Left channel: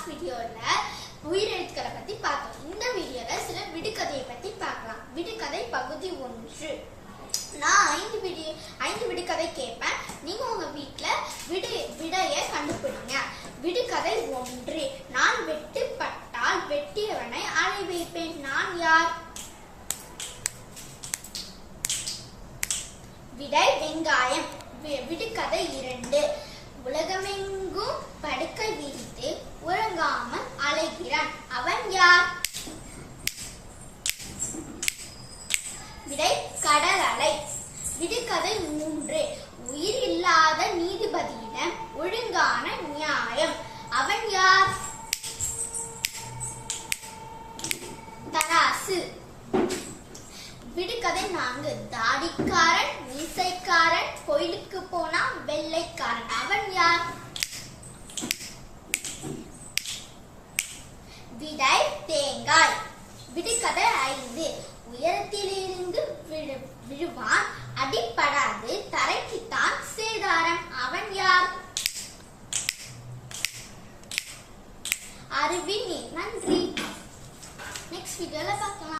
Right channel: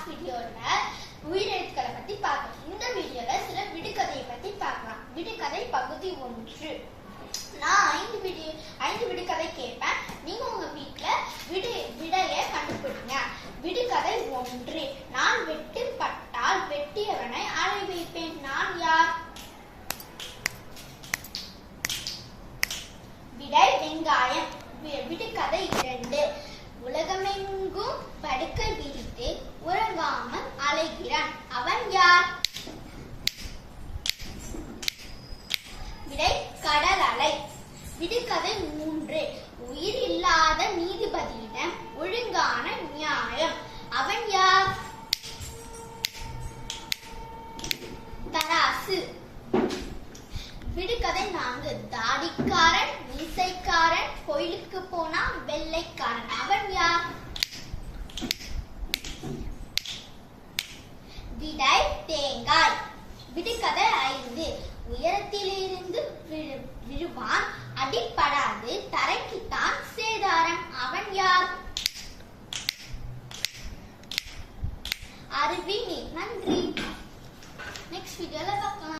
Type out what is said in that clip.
Last வீடியோல உயிரெழுத்துக்களை பத்தி பார்த்தோம். இந்த வீடியோல சில விடுகதையை பத்தி பார்க்கலாம். விடுகதை பகுதி 1. நான் 5 விடுகதை கேட்பேன். நீங்க உங்க வீட்ல விடையை கண்டுபிடிங்க. விடுகதை 1. நான் வெட்டுப்பட்டால் வெட்டியவனை அழை வைப்பேன். நான் யார்? விடை வெங்காயம். விடுகதை 2. உலகமெங்கும் படுக்கை விரித்து உறங்காமல் அலைகிறான். அவன் யார்? விடை கடல் அலை. விடுகதை 3. உயிர் இல்லாத நீதிபதியிடம் ஒழுங்கான நியாயம். அவன் யார்? தராசு. விடுகதை 4. தாடிக்காரன் மீசைக்காரன் கோயிலுக்கு போனா வெள்ளைக்காரன். அவன் யார்? விடை தேங்காய். விடுகதை 5. உயரத்திலிருந்து விழுவான், அடிப்படாது, தரைக்குத்தான் சேதாரம். அவன் யார்? அருவி. நன்றி. நெக்ஸ்ட் வீடியோல பார்க்கலாம்.